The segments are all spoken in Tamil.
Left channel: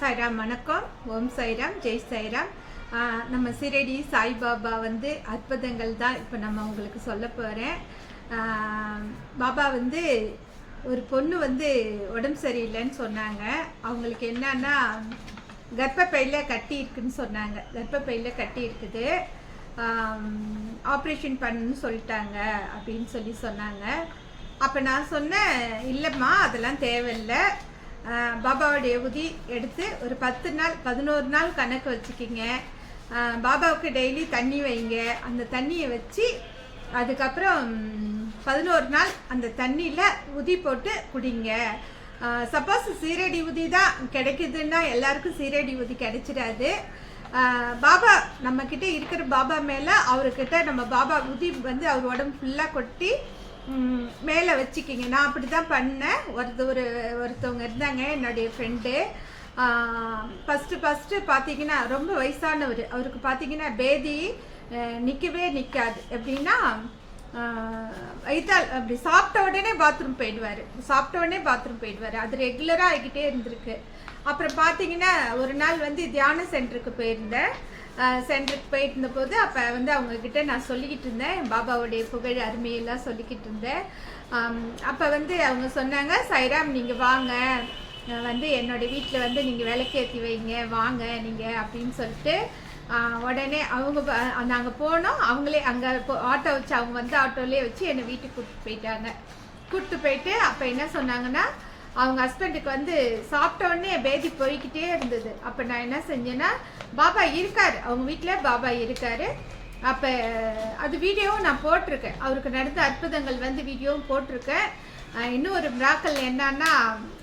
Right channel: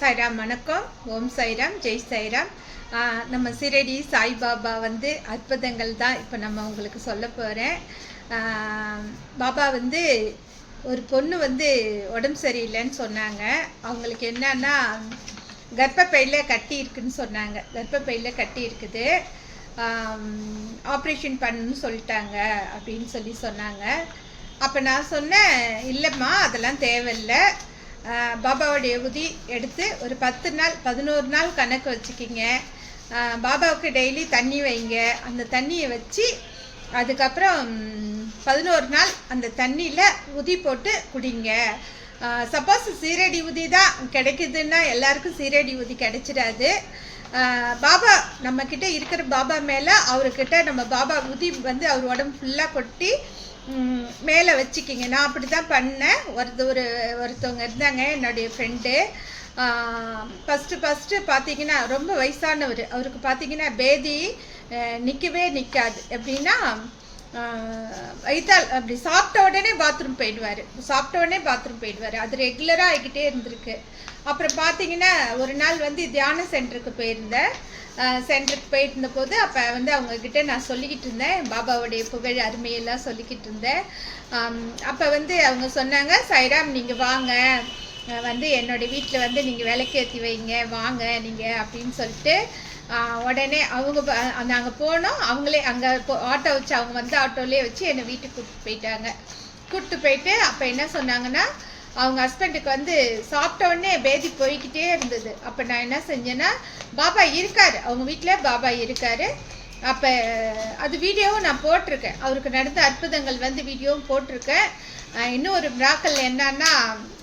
சாய்ராம் வணக்கம். ஓம் சாய்ராம், ஜெய் சாய்ராம். நம்ம சிரடி சாய்பாபா வந்து அற்புதங்கள் தான் இப்போ நம்ம உங்களுக்கு சொல்ல போகிறேன். பாபா வந்து ஒரு பொண்ணு வந்து உடம்பு சரியில்லைன்னு சொன்னாங்க. அவங்களுக்கு என்னன்னா கர்ப்பப்பையில் கட்டி இருக்குன்னு சொன்னாங்க. கர்ப்பப்பையில் கட்டி இருக்குது, ஆப்ரேஷன் பண்ணுன்னு சொல்லிட்டாங்க அப்படின்னு சொன்னாங்க. அப்போ நான் சொன்னேன், இல்லைம்மா அதெல்லாம் தேவையில்லை, பாபாவுடைய உதி எடுத்து ஒரு 10 நாள் 11 நாள் கணக்கு வச்சுக்கிங்க. பாபாவுக்கு டெய்லி தண்ணி வைங்க. அந்த தண்ணியை வச்சு அதுக்கப்புறம் 11 நாள் அந்த தண்ணியில் உதி போட்டு குடிங்க. சப்போஸ் சீரடி உதி தான் கிடைக்குதுன்னா எல்லாருக்கும் சீரடி உதி கிடைச்சிடாது. பாபா நம்மக்கிட்ட இருக்கிற பாபா மேலே அவர்கிட்ட நம்ம பாபா உதி வந்து அவர் உடம்பு ஃபுல்லாக கொட்டி மேலே வச்சுக்கிங்க. நான் அப்படி தான் பண்ணேன். ஒருத்தவங்க இருந்தாங்க, என்னுடைய ஃப்ரெண்டு. ஃபஸ்ட்டு பார்த்தீங்கன்னா ரொம்ப வயசானவர். அவருக்கு பார்த்தீங்கன்னா பேதி நிற்கவே நிற்காது. எப்படின்னா வயிற்றால் அப்படி சாப்பிட்ட உடனே பாத்ரூம் போயிடுவார். அது ரெகுலராக ஆகிக்கிட்டே இருந்திருக்கு. அப்புறம் பார்த்தீங்கன்னா ஒரு நாள் வந்து தியான சென்டருக்கு போயிருந்தேன். போயிட்டு இருந்தபோது அப்போ வந்து அவங்கக்கிட்ட நான் சொல்லிக்கிட்டு இருந்தேன், பாபாவுடைய புகழ் அருமையெல்லாம் சொல்லிக்கிட்டு இருந்தேன். அப்போ வந்து அவங்க சொன்னாங்க, சாய்ராம் நீங்கள் வாங்க, வந்து என்னோடய வீட்டில் வந்து நீங்கள் விளக்கேற்றி வைங்க, வாங்க நீங்கள் அப்படின்னு சொல்லிட்டு உடனே அவங்க நாங்கள் போனோம். அவங்களே அங்கே ஆட்டோ வச்சு அவங்க வந்து ஆட்டோலேயே வச்சு என்னை வீட்டுக்கு கூப்பிட்டு போயிட்டு அப்போ என்ன சொன்னாங்கன்னா, அவங்க ஹஸ்பண்டுக்கு வந்து சாப்பிட்ட உடனே பேதி போய்கிட்டே இருந்தது. அப்போ நான் என்ன செஞ்சேன்னா, பாபா இருக்கார், அவங்க வீட்டில் பாபா இருக்கார். அப்போ அது வீடியோவும் நான் போட்டிருக்கேன். அவருக்கு நடந்த அற்புதங்கள் வந்து வீடியோவும் போட்டிருக்கேன். இன்னும் ஒரு மிராக்கல் என்னன்னா,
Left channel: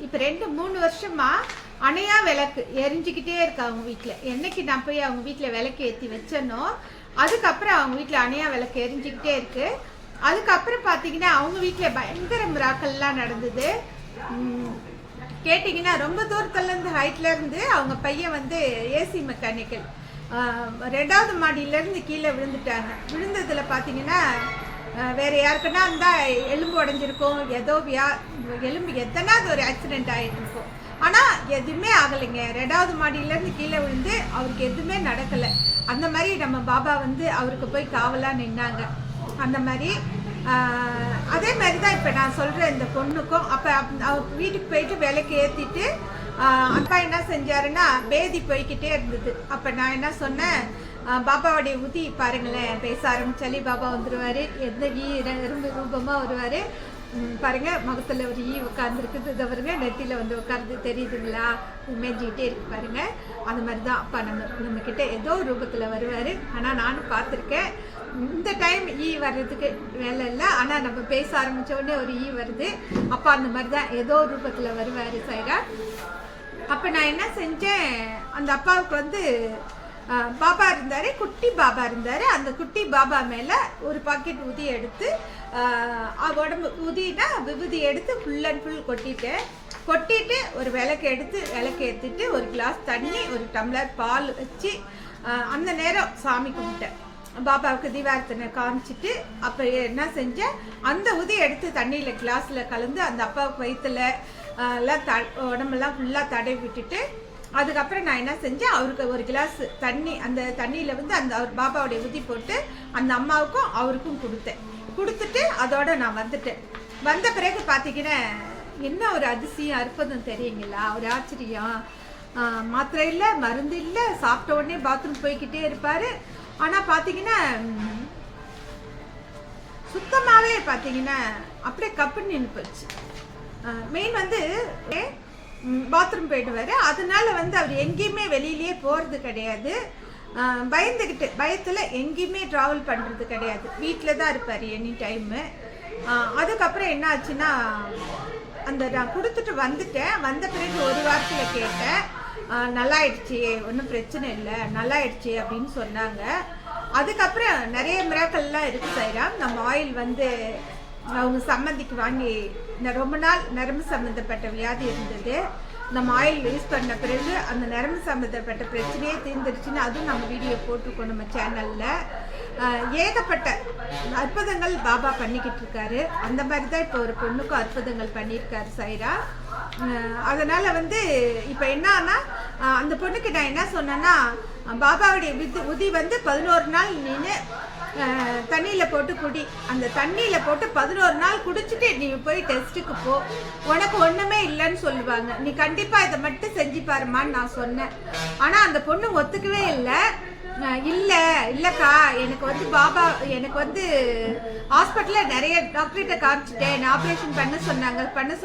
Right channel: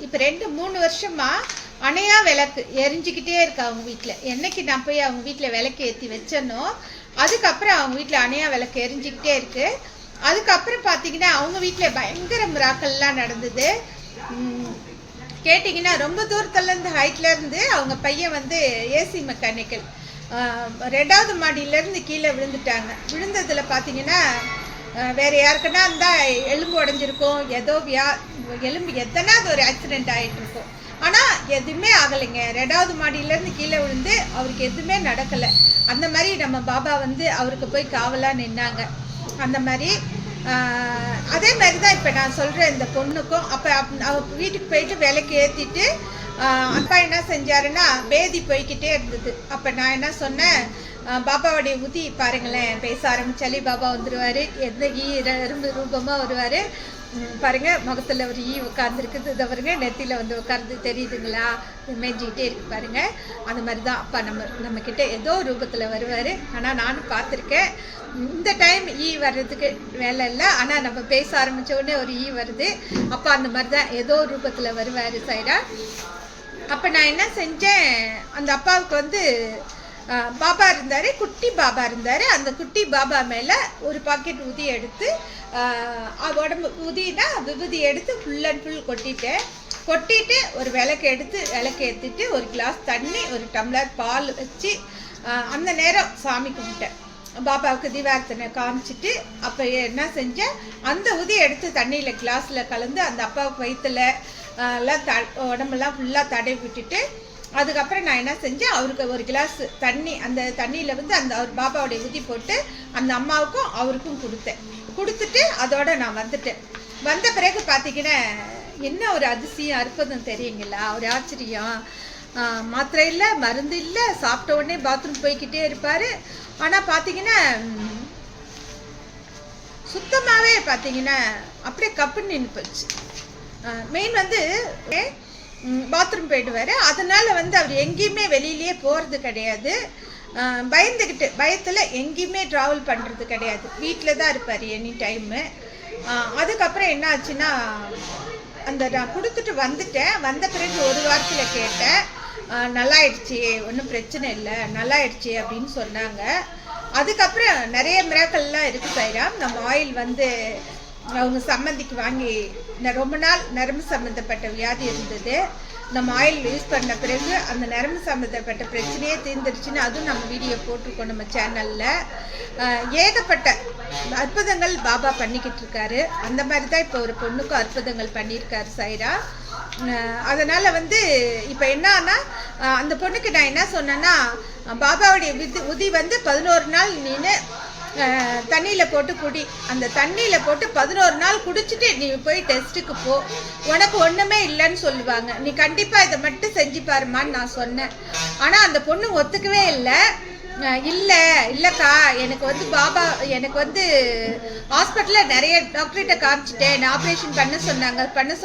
இப்போ 2-3 வருஷமாக அணையா விளக்கு எரிஞ்சிக்கிட்டே இருக்கு அவங்க வீட்டில். என்னைக்கு நான் போய் அவங்க வீட்டில் விளக்கு ஏற்றி வச்சேனோ அதுக்கப்புறம் அவங்க வீட்டில் அணையா விளக்கு எரிஞ்சிக்கிட்டே இருக்குது. அதுக்கப்புறம் பார்த்தீங்கன்னா அவங்க வீட்டில் பயங்கர மிராக்கல்லாம் நடந்தது. கேட்டிங்கன்னா ரொம்ப தூரத்துலேருந்து ஹைட்லேருந்து அவங்க பையன் வந்து ஏசி மெக்கானிக்கல் 2வது மாடியிலேருந்து கீழே விழுந்துட்டாங்க. விழுந்ததில் பார்த்தீங்கன்னா வேறு யாருக்குன்னா இருந்தால் எலும்பு உடஞ்சிருக்கும், ஏதோ எலும்பு எத்தனாவது ஒரு ஆக்சிடெண்ட் ஆகிட்டுருக்கும். ஆனால் எதுவுமே ஆகலைங்க. 2வது மாடியிலேருந்து கீழே விழுந்து அவருக்கு எதுவுமே நடக்கலை. அந்த மாதிரி நம்ம பாபா வந்து அவருக்கு போய் காவலாக நின்னாங்க. அந்த மாதிரி அதே மாதிரி தான் இப்போ நான் சொல்கிறேன் இந்த பொண்ணுக்கும். அப்போ அவர் வீட்டுக்கு போயிட்டு விலைக்கு ஏற்றிட்டு அப்பா என்ன செஞ்சாருன்னா பேதி போய்கிட்டே இருந்தது. அப்போ நான் என்ன சொன்னேன், பாபாவுடைய உதி பாருங்களேன், பேச ஆரம்பிச்சாலே பாபா வந்துடுவார். எந்த எறும்பு ரூபமாக வருவார் பாருங்கள். முகத்தில் ஒரு உட்காந்துருக்குது, இதை பாருங்க, நெத்தியில் வந்து உட்கார்ந்து தெரியுதுங்களா, மேய்ஞ்சிக்கிட்டே இருக்கு பாருங்கள். அந்த மாதிரி தான் அப்பா நம்மக்கிட்ட ஏதோ ரூபத்தில் வருவார். ஆனால் நானும் பார்த்துருக்கேன். இந்த டைம் வர்றதுக்கு வேலை இல்லை, ஆனால் நம்ம பேச ஆரம்பித்த உடனே ஒரு வருது. அப்பா அந்த மாதிரி தான் ஏதோ ரூபத்தில் வருவார் சாய்ரா. அப்போ நான் என்ன செஞ்சேன், அந்த அப்பாவுக்கு வந்து பாபா இருந்தார், குட்டி பாபா இருந்தார். அந்த குட்டி பாபா மேலே ஒரு பாக்கெட் உதி எடுத்து உடம்பு உதினா விபூதி எடுத்து ஃபுல் அண்ட் ஃபுல் கொட்டிட்டு ஒரு விளக்கு ஏற்றிட்டு ஒரு கிளாஸ் தண்ணி, ஒரு டம்ளர் பால் வச்சு அந்த நேரம் சாமி கும்பிட்டேன். பாபாவுக்கு தீபார்த்தனை காமிச்சிட்டு அப்போ என்ன செஞ்சேன், அந்த உதி எடுத்து தண்ணியில் கிளாஸில் கலந்து அந்த அப்பாவுக்கு வயிற்றுல எல்லாம் உடம்பெல்லாம் ஃபுல்லாக தடவி விட்டுட்டு அதுக்கப்புறம் நான் என்ன செஞ்சேன், அவருக்கு ஒரு கிளாஸ் தண்ணி, அந்த தண்ணியில் வந்து அந்த அவர் பாபாவுடைய உதி போட்டு அந்த அம்மாவுக்கும் அவருக்கும் கொடுத்துட்டு அதோடு நான் வந்துட்டேன். வந்த பிறகு பார்த்தீங்கன்னா என்ன ஒரு அதிசயம் அற்புதம் தெரியுங்களா, ஒரு ஆச்சரியம். மாத்திரை இல்லை, மருந்து இல்லை, சாப்பிட்ட உடனே பாத்ரூம் போய்கிட்டே இருப்பார். ஆனால் பார்த்தீங்கன்னா சுத்தமாகவே பார்த்தீங்கன்னா அப்படியே கப்புன்னு நின்று போச்சு. மெயின் வந்து பாத்ரூம் போயிடுவார். அதனால் வந்து அவர் எங்கேயுமே வெளியிலேயே போகிறது கிடையாது. பயத்தில் எங்கேயுமே ட்ராவல் பண்ணுறது கிடையாது. வீட்டில் தான் இருப்பார் எனி டைமு. அதுக்கப்புறம் என்ன ஆச்சுன்னா, நான் கொடுத்துட்டு வந்த பிறகு ஒரு வாரத்தில் கேட்டேன், நல்லாயிடுச்சு, ஒன்றும் பிரச்சனை இல்லை, நல்லாயிடுச்சு அப்படின்னு சொன்னாங்க. அதுக்கப்புறம் நிறைய மிராக்கல்லாம் இருக்குது சாய்ராம். நம்ம ஆயில் வந்து அவங்க சம்மந்திக்கு வாங்கி ரொம்ப நாள் நரம்பு சம்மந்தப்பட்ட வியாதி இருந்தது. நம்ம ஆயில் யூஸ் பண்ண பிறகு அந்த நரம்பு சம்மந்தப்பட்ட பிரச்சனையே தீர்ந்துருச்சுன்னு அதுவும் நம்ம வீடியோ போட்டிருக்கோம் நம்ம சேனலில். ஏகப்பட்ட அற்புதங்கள் பாபா பண்ணிக்கிட்டு இருக்காரு. அந்த மாதிரி தான் இப்போ ஒரு பொண்ணுக்கும் அற்புதங்கள் பண்ணியிருக்காரு சாய்ரா. அதனால் வந்து இப்போ என்னன்னா அந்த பொண்ணுக்கு நான் என்ன சொன்னேன்னா, பாபாவுடைய உதி வந்து 11 நாள் நீனு தண்ணியில் போட்டு குடி. அந்த தண்ணியில் போட்டு 11 நாள் குடிச்சிட்டு நீ போய் டெஸ்ட்டுக்கு போ, உனக்கு ஒன்றுமே இல்லைன்னு சொல்லுவாங்க. நீ கண்டிப்பாக இதை மட்டும் செஞ்சு பாருமான்னு நான் சொன்னேன். ஆனால் அந்த பொண்ணு ஒத்துக்கவே இல்லை. இல்லைக்கா, எனக்கு வந்து பாபா எனக்கு வந்து ஹாஸ்பிட்டலில் நிறைய டாக்டர்கிட்ட காமிச்சிட்டேன், ஆப்ரேஷன் பண்ண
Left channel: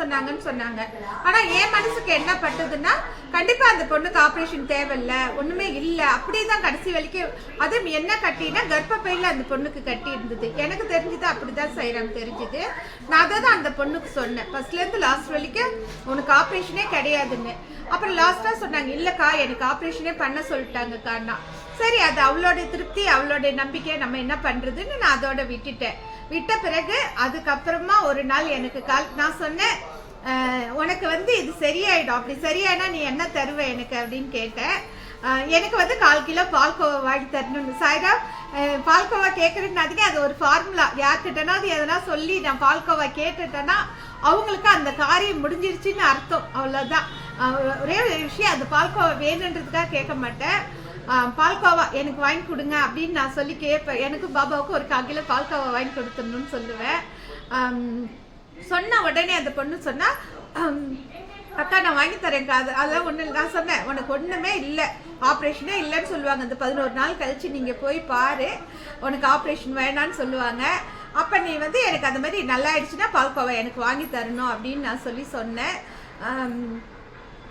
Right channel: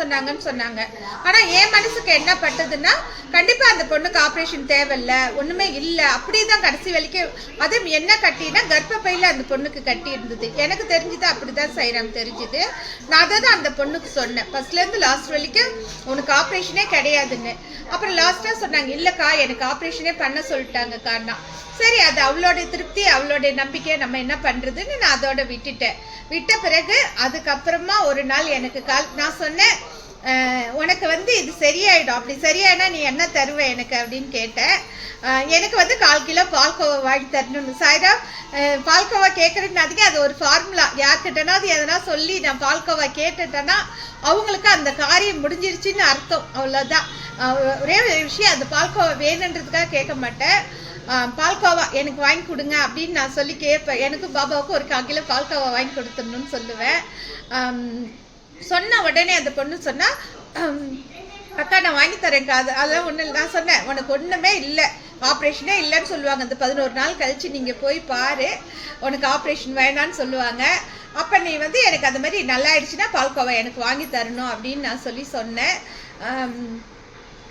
சொன்னாங்கன்னு சொன்னாங்க. ஆனால் என் மனசுக்கு என்ன பட்டதுன்னா, கண்டிப்பாக அந்த பொண்ணுக்கு ஆப்ரேஷன் தேவையில்லை, ஒன்றுமே இல்லை, அப்படி தான் கடைசி வரைக்கும். அதுவும் என்ன கட்டினா கர்ப்பப்பையில் அந்த பொண்ணுக்கு கட்டி இருந்தது. எனக்கு தெரிஞ்சுது அப்படி தான் செய்கிறாங்க தெரிஞ்சுது. நான் அதை தான் அந்த பொண்ணுக்கு சொன்னேன், ஃபர்ஸ்ட்லேருந்து லாஸ்ட் வரைக்கும் உனக்கு ஆப்ரேஷனே கிடையாதுன்னு. அப்புறம் லாஸ்ட்டாக சொன்னாங்க, இல்லைக்கா எனக்கு ஆப்ரேஷனே பண்ண சொல்லிட்டாங்கக்கான்னா. சரி, அது அவளோட திருப்தி, அவளோட நம்பிக்கை, நம்ம என்ன பண்ணுறதுன்னு நான் அதோட விட்ட பிறகு அதுக்கப்புறமா ஒரு நாள் எனக்கு நான் சொன்னேன், உனக்கு வந்து இது சரியாயிடும், அப்படி சரியாயினா நீ என்ன தருவ எனக்கு அப்படின்னு கேட்டேன். எனக்கு வந்து 1/4 கிலோ பால்கோவா வாங்கி தரணும்னு. சாய்ரா, பால்கோவா கேட்குறதுனாதிக்கு அது ஒரு ஃபார்முலா. யார்கிட்டனா அது எதனா சொல்லி நான் பால்கோவா கேட்டுட்டேன்னா அவங்களுக்கு அந்த காரியம் முடிஞ்சிருச்சுன்னு அர்த்தம், அவ்வளோதான். ஒரே ஒரு விஷயம், அந்த பால்கோவா வேணுன்றதுக்காக கேட்க மாட்டேன். பால்கோவா எனக்கு வாங்கி கொடுங்க அப்படின்னு நான் சொல்லி கேட்பேன். எனக்கும் பாபாவுக்கும் ஒரு 1/4 கிலோ பால்கோவா வாங்கி கொடுத்துடணும்னு சொல்லுவேன். சொன்ன உடனே அந்த பொண்ணு சொன்னா, அக்கா நான் வாங்கி தரேன்க்கா, அதெல்லாம் ஒன்றும் இல்லை. நான் சொன்னேன், உனக்கு ஒன்றுமே இல்லை, ஆப்ரேஷனே இல்லைன்னு சொல்லுவாங்க. அந்த 11 நாள் கழிச்சு நீங்கள் போய் பாரு, உனக்கு ஆப்ரேஷன் வேணான்னு சொல்லுவாங்க. அப்போ நீ வந்து எனக்கு அந்த மாதிரி நல்லா ஆயிடுச்சுன்னா பால்கோவா எனக்கு வாங்கி தரணும் அப்படின்னு நான் சொன்னேன்.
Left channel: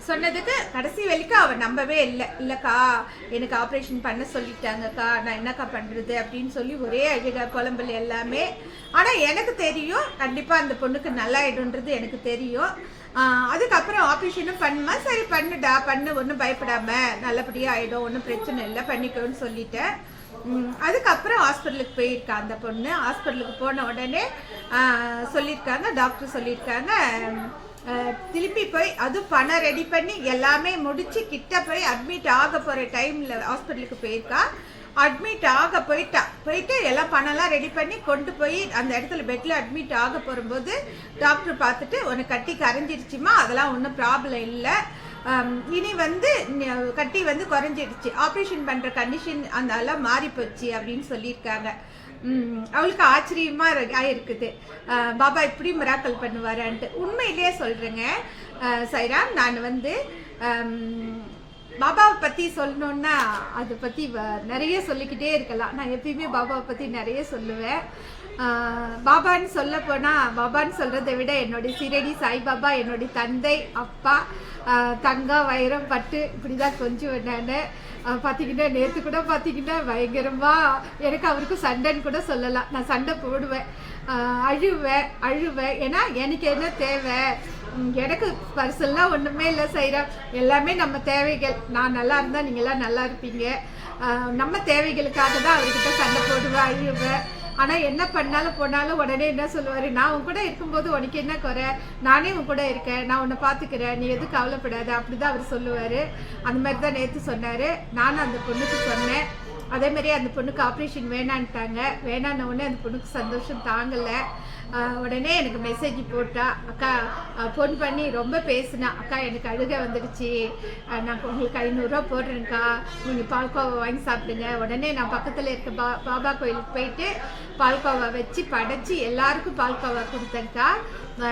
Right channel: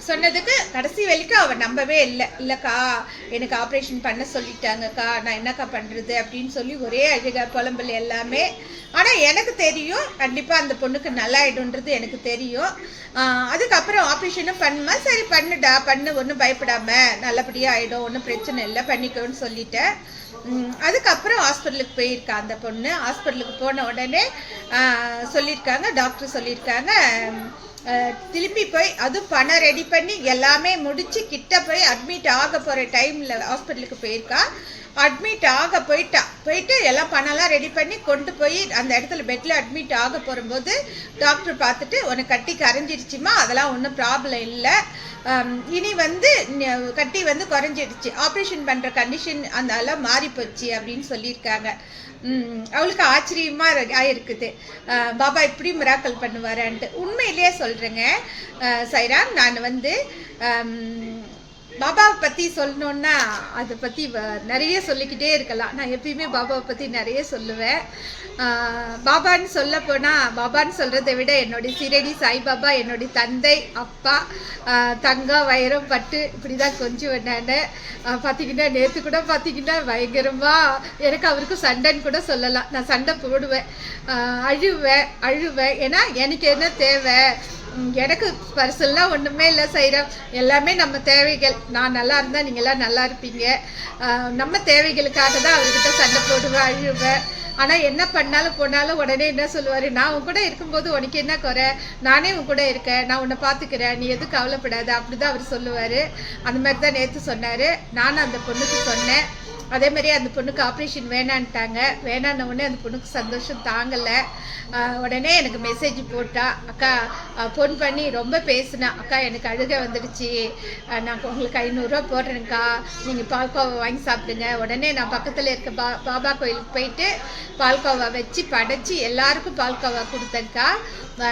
சொன்னதுக்கு கடைசி வரைக்கும் அவள் நம்பவே இல்லைக்கா எனக்கு ஆப்ரேஷன் பண்ண சொல்லிட்டாங்கக்கா, நான் என்னக்கா பண்ணுறது அப்படின்னு சொல்லி ஒரே அழுக புலம்பல் எல்லாமே. ஆனால் எனக்கு தெரியும் கண்டிப்பாக அந்த பொண்ணுக்கு நல்லாயிடும்ன்றது எனக்கு தெரியும். அதுக்கப்புறம் ஆப்ரேஷனும் பண்ணுமா, சரி பண்ணுடா பண்ணு, ஒன்றும் பயப்படாமல் நல்லபடியாக ஆகிடும், ஒன்றும் பிரச்சனை இல்லை, பண்ணிக்கோன்னு சொல்லிட்டேன். அதுக்கப்புறம் ஹாஸ்பிட்டலுக்கு போயிருக்கா அந்த பொண்ணு. ஹாஸ்பிட்டலுக்கு போன உடனே சொல்லியிருக்காங்க, டாக்டர் சொல்லியிருக்காங்க, திருப்பி போய் அதுவும் பணம் ரெடி பண்ணி எல்லாமே முடித்து கிட்ட போய் அட்மிட் ஆக போகிற டைமில் ஹாஸ்பிட்டலுக்கு போயிருக்கா. அட்மிட் ஆக போயிட்டு எல்லாம் பணம்லாம் ரெடி பண்ணி கொண்டு போய் அந்த இடத்துல பெட்டில் அட்மிட் ஆக போகும்போது டாக்டர் பார்த்துட்டு, உனக்கு கட்டி கரைஞ்சிருச்சுமா, அதெல்லாம் ஒன்றும் ப்ராப்ளம் இல்லை, இனி வந்து கட்டி வந்து குறைஞ்சிடுச்சு, ஆப்ரேஷன் பண்ணுற கண்டிஷன் அதெல்லாம் மாறி போச்சு அப்படின்னு சொல்லியிருக்காங்க. அவளுக்கு ஆச்சரியமாக ஆயிருக்குது, பாபா இப்படி மிராக்கல் பண்ணுவாரான்ட்டு. உண்மையிலேயே சொல்கிறேங்க சைரா, நான் வந்து பாபாவை பற்றி சொல்லணுன்னா அதை பற்றி நிறைய சொல்லிக்கிட்டே இருக்கலாம். நான் எப்பயுமே பாபாவை பற்றி நிறைய சொல்லுவேன். பாபான்னு சொல்ல போனால், பாபான்னு சொல்கிறத விட என்னுடைய சீரடி சாய்பாபா என்னுடைய தந்தை, அப்பா, தங்கம், வைரம், பட்டு, இப்படி தான் கொஞ்சம் நான் பார்த்தீங்கன்னா நேற்று கூட பார்த்தீங்கன்னா பயங்கரமாக எனக்கு அவருக்கும் சண்டைன்னு கூட சொல்லலாம். நான் சண்டை போடுவேன், அழுவேன். ஏன்னா எனக்கு என்ன தேவை, எனக்கு பர்சனலாக ஒன்றுமே இல்லை செய்கிறோம், எல்லாமே நம்ம தேவைகள். நான் நல்லா இருந்தால் நீங்கள்லாம் நல்லா இருப்பீங்க, நம்ம தேவைகளுக்காக தான் அவர்கிட்ட சண்டை போடுவேன், அழுவேன். ஆனால் என்ன பண்ணாலும் போனாலும் உடனே என்ன சொல்லுவார், நான் உன் கூட இருக்கும்போது உனக்கு என்ன குறை, நானே உன் கூட இருக்கேன், நான் உன்னை பார்த்துக்கிறேன், நீ எதுவும் கவலைப்படாத, அப்படி தான் அவர் சொல்லுவார். அந்த மாதிரி தான் நேற்று சொன்னார். நானும் அந்த பொண்ணுக்கு சொன்னேன். அதேமாதிரி அந்த பொண்ணுக்கு ஆப்ரேஷன் வேணான்ட்டாங்க. வேணான்ன உடனே அந்த பொண்ணுக்கு சந்தோஷம் தாங்கலை. உடனே எனக்கு மெசேஜ் போட்டா, அக்கா ஃபோன் பண்ணி ரொம்ப பேசினா, அக்கா எனக்கு அழுக வந்துடுச்சு, நான் உங்களுக்கு 500 ரூபா போடுறேன்க்கா, நீங்கள் பால்கோவா வாங்கி சாப்பிடுங்க. உடனே நான் பக்கத்தில் இருக்க பாபா கோயிலுக்கு போயிட்டு பால்கோவா வச்சு படைச்சி எல்லாருக்கும் பால்கோவா கொடுத்தேன்க்கா.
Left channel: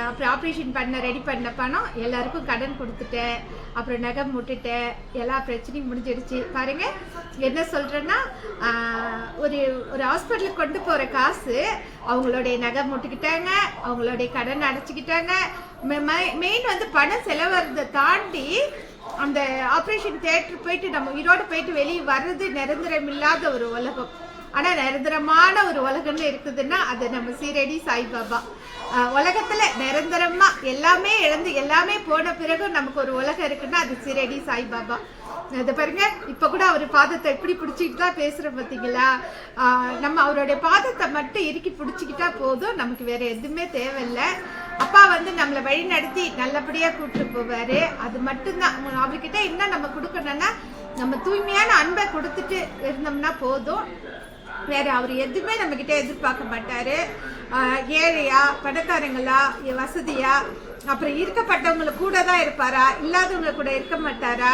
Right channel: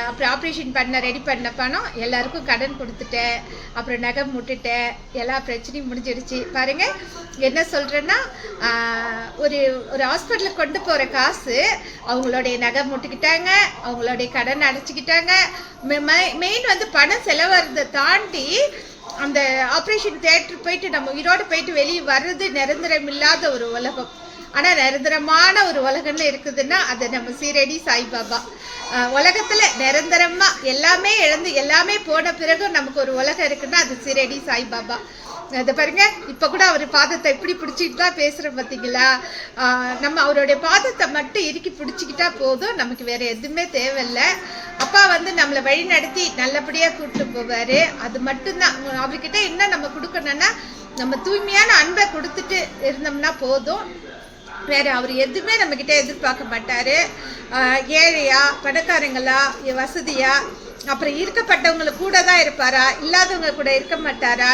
அப்புறம் ஆப்ரேஷன் ரெடி பண்ண பணம் எல்லாருக்கும் கடன் கொடுத்துட்டேன். அப்புறம் நகை முட்டுட்டேன், எல்லா பிரச்சனையும் முடிஞ்சிடுச்சு. பாருங்கள் என்ன சொல்கிறேன்னா, ஒரு ஹாஸ்பிட்டலுக்கு கொண்டு போகிற காசு அவங்களுடைய நகை முட்டுக்கிட்டாங்க, அவங்களுடைய கடன் அடைச்சிக்கிட்டாங்க. மெயின் வந்து பணம் செலவறதை தாண்டி அந்த ஆப்ரேஷன் தியேட்டர் போயிட்டு நம்ம உயிரோடு போயிட்டு வெளியே வர்றது நிரந்தரம் இல்லாத ஒரு உலகம். ஆனால் நிரந்தரமான ஒரு உலகம்னு இருக்குதுன்னா அது நம்ம சீரடி சாய்பாபா. உலகத்தில் நிரந்தரமாக எல்லாமே இழந்து எல்லாமே போன பிறகு நமக்கு ஒரு உலகம் இருக்குன்னா அது சீரடி சாய்பாபா. அதை பாருங்க, இப்போ கூட அவர் பாதத்தை எப்படி பிடிச்சிக்கிட்டு தான் பேசுகிறோம் பார்த்தீங்களா. நம்ம அவருடைய பாதத்தை மட்டும் இறுக்கி பிடிச்சிக்கிட்டா போதும், நமக்கு வேற எதுவுமே தேவையில்லை. அப்பா வந்து நம்மளை வழி நடத்தி நல்லபடியாக கூப்பிட்டு போவார். அது மட்டும்தான் அவர்கிட்ட இன்னும் நம்ம கொடுக்கணும்னா நம்ம தூய்மையான அன்பை கொடுத்துட்டு இருந்தோம்னா போதும். வேறு அவர் எதுவுமே நம்மக்கிட்ட எதிர்பார்க்க மாட்டார். ஏழையா, பணக்காரங்களா, வசதியா, அப்புறம் இருக்கப்பட்டவங்களை கூட தான் இருப்பாரா, இல்லாதவங்க கூட இருக்க மாட்டாரா,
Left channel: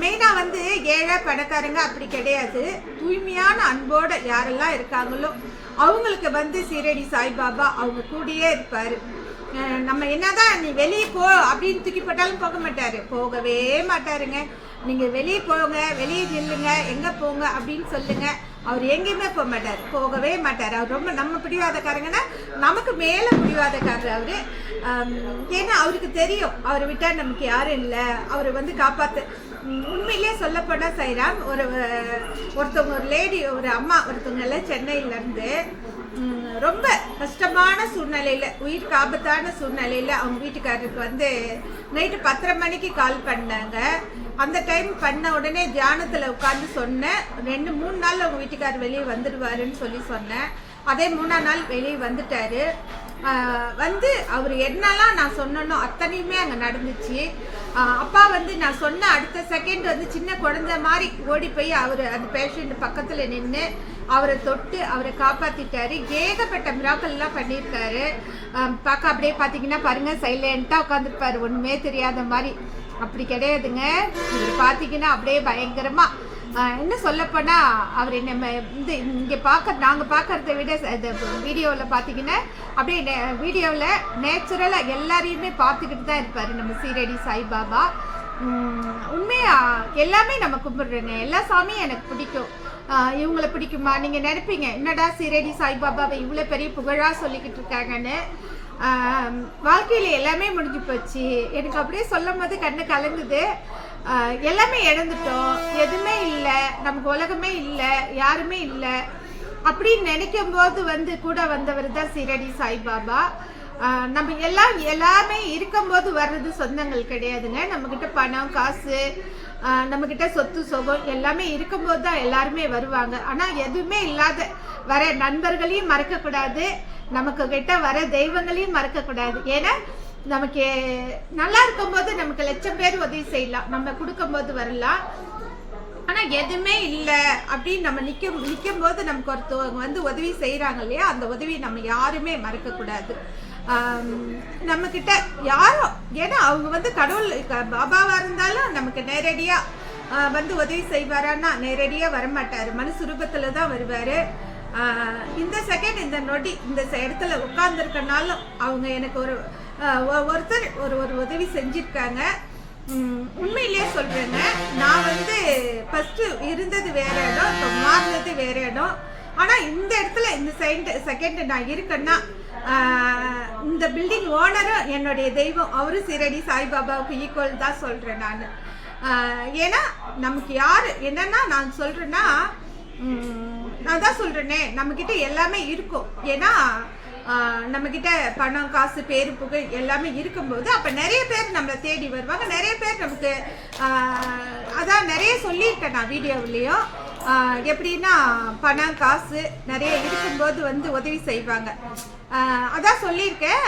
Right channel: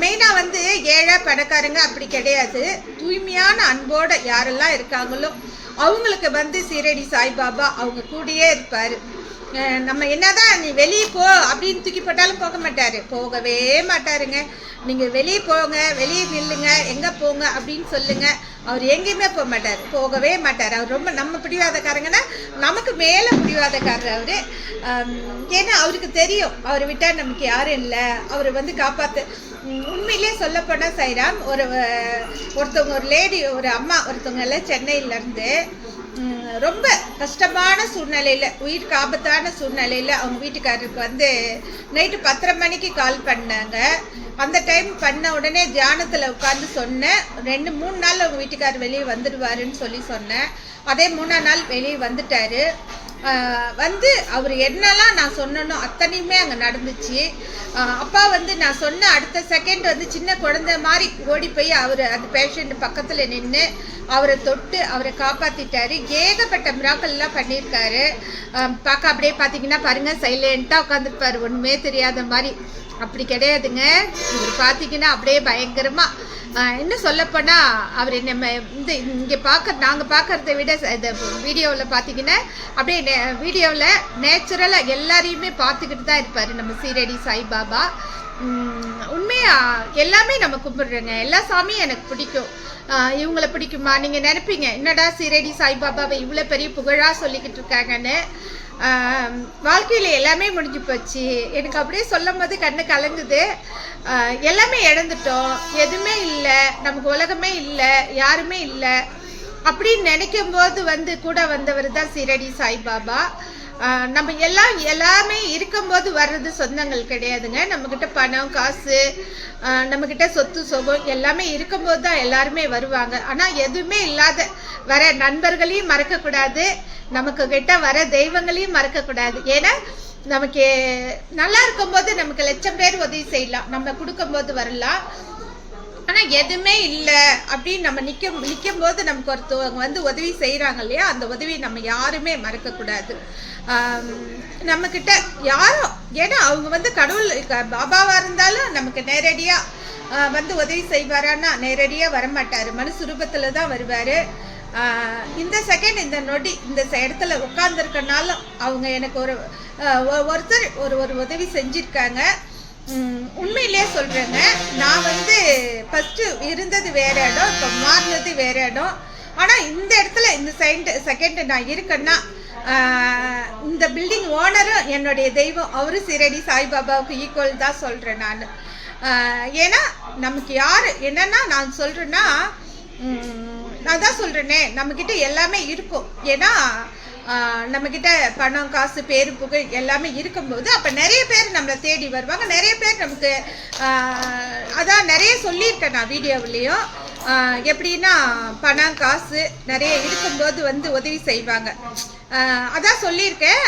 மெயினாக வந்து ஏழை பணக்காரங்க அப்படி கிடையாது. தூய்மையான அன்போடு யாரெல்லாம் இருக்காங்களோ அவங்களுக்கு வந்து சீரடி சாய்பாபா அவங்க கூடயே இருப்பார். நம்ம என்னதான் நீ வெளியே போ அப்படின்னு தூக்கி போட்டாலும் போக மாட்டார், போகவே மாட்டாருங்க. நீங்கள் வெளியே போங்க, வெளியே நில்லுங்க, எங்கே போங்க அப்படின்னு சொல்லுங்கள், அவர் எங்கேயுமே போக மாட்டார், போகவே மாட்டார். அவர் ரொம்ப நம்ம பிடிவாதக்காரங்கன்னா நமக்கு மேலே பிடிவாதக்காரர் அவர். ஏன்னா அவருக்கு தெரியும் அவரை விட்டால் நமக்கு யாரும் இல்லை, அவரை வந்து காப்பாற்று. உண்மையிலே சொல்லப்போனால் சைராம் ஒருத்தவங்க ஒரு லேடி ஒரு அம்மா ஒருத்தவங்க எல்லாம் சென்னையிலேருந்து ரொம்ப கஷ்டமான சூழ்நிலையில், உயிருக்கு ஆபத்தான சூழ்நிலையில் அவங்க வீட்டுக்காரருக்கு வந்து நைட்டு 10:30 மணிக்கு கால் பண்ணாங்க. அந்த டைம் பண்ண உடனே தியானத்தில் உட்காந்து சொன்னேன், 2-3 நாள் அவங்க வீட்டுக்காரர் வெளியே வந்துடுவாருன்னு சொன்னேன். அதே 3ஆம் நாள் வெளியே வந்துட்டார். வந்து அவர் என்னெல்லாம் நான் சொன்னனோ அத்தனையுமே அங்கே நடந்துச்சு. அப்பா வந்து நான் சொன்ன அடுத்த செகண்ட் வந்து சின்ன குழந்தை மாதிரி ஓடி போய் அவர் அந்த பேஷண்ட் பக்கத்தில் நின்று அவரை தொட்டு அவரை காப்பாற்றிட்டாரு. ஏகப்பட்ட மிராக்கள்லாம் பண்ணியிருக்காரு. பார்க்க அப்படியே பார்த்தீங்கன்னா பாருங்கள், சைலண்ட்டாக உட்காந்துருப்பார், ஒன்றுமே தெரியாத மாதிரி. அப்படி கிடையாதுங்க, இவர் பார்த்தீங்கன்னா அப்படியே பயங்கரமாக. இன்னும் சொல்லப்போனால் அவர் நம்ம இங்கே நாங்கள் பார்க்குறத விட இந்த வீடியோவில் பார்த்தீங்கன்னா அப்படியே வீடியோவில் நேச்சுரலாக எல்லாரையுமே பார்த்துக்கிட்டு தான் இருப்பார் நம்ம சீரடி சாய்பாபா. உண்மையாக எல்லாமே நம்ம கும்பிட்றோங்க, எல்லா சாமியும் எனக்கு பிடிக்கும். இவங்களை பிடிக்குமா? நீங்கள் நினைப்பீங்க என்னடா சீரடி சாய்பாபாவை இவ்வளோ பெரிய புகழாக சொல்லிக்கிட்டு இருக்காங்கன்னு. வாழ்க்கையில் எல்லாமே முடிஞ்சு போச்சு. எனக்கு அப்படியே சொல்லும் போது கண்ணு கலங்குது. எல்லாமே இழந்துட்டோம், எதுவுமே இல்லை, நமக்கு உலகமே இல்லை, யாருமே இல்லை அப்படின்னு நினைக்கும் போது வந்து கூட வந்தவர் தான் சீரடி சாய்பாபா. நம்ம எல்லாமே இருக்கும்போது வர்றது சொந்தங்கள் கிடையாதுங்க. நம்மக்கிட்ட பணம் காசு, நம்மக்கிட்ட சொத்து சுகம் எல்லாமே இருக்கும்போது தான் எல்லாருமே வருவாங்க. ஆனால் எதுவுமே இல்லாத வர நண்பர்களையும் மறக்கக்கூடாது, நமக்கு கிட்ட வர தெய்வங்களையும் மறக்கக்கூடாது. ஏன்னா நமக்கு நல்லா இருக்கும்போது நமக்கு 1,00,000 பேர் உதவி செய்யலாம், நம்ம கொடுக்கும்போது வரலாம். ஆனால் எதுவுமே இல்லை அப்படின்னு நம்ம நிற்கும் போது நமக்கு ஒருத்தவங்க வந்து உதவி செய்கிறாங்க இல்லையா, அந்த உதவி நம்ம யாருமே மறக்கக்கூடாது. நம்மக்கிட்ட யாரோ, ஏன்னா அவங்க வந்து கடவுள் பாபாவாக இருந்தாலும் நமக்கு நேரடியாக வந்து உதவி செய்வாரான்னா நேரடியாக வரமாட்டார், மனுஷ ரூபத்தில் தான் வருவார். இந்த செகண்ட் இந்த நொடி இந்த இடத்துல உட்காந்துருக்கனாலும் அவங்க எனக்கு ஒருத்தர் ஒரு உதவி செஞ்சுருக்காங்க. உண்மையிலே சொல்கிறேங்க, நான் வந்து ஃபஸ்ட்டு இருந்தது வேறு இடம், இப்போ மாறினது வேறு இடம். ஆனால் இந்த இடத்துல இந்த செகண்ட் நான் இருக்கேன்னா இந்த பில்டிங் ஓனரும் என்னுடைய தெய்வம், அவரும் சீரடி சாய்பாபாவுக்கு ஈக்குவல் தான் சொல்கிறேன் நான். ஏன்னா நமக்கு யார் என்னென்னா நான் சொல்கிறேன்னா, நான் தான் சொல்கிறேனே நம்மக்கிட்ட எல்லாமே இருக்கும். ஏன்னா நம்மக்கிட்ட பணம் காசு பேரு புகழ் எல்லாமே இருக்கும்போது அப்போ நிறைய பேர் நம்மளை தேடி வருவாங்க. நிறைய பேர் நமக்கு அதான் நிறைய சொல்லியிருக்கேன் நான் வீடியோவிலையும். எப்படின்னா பணம் காசு நிறைய இருக்கும்போது வந்து உதவி செய்வாங்க. அதான் சொல்லியிருக்கேன்.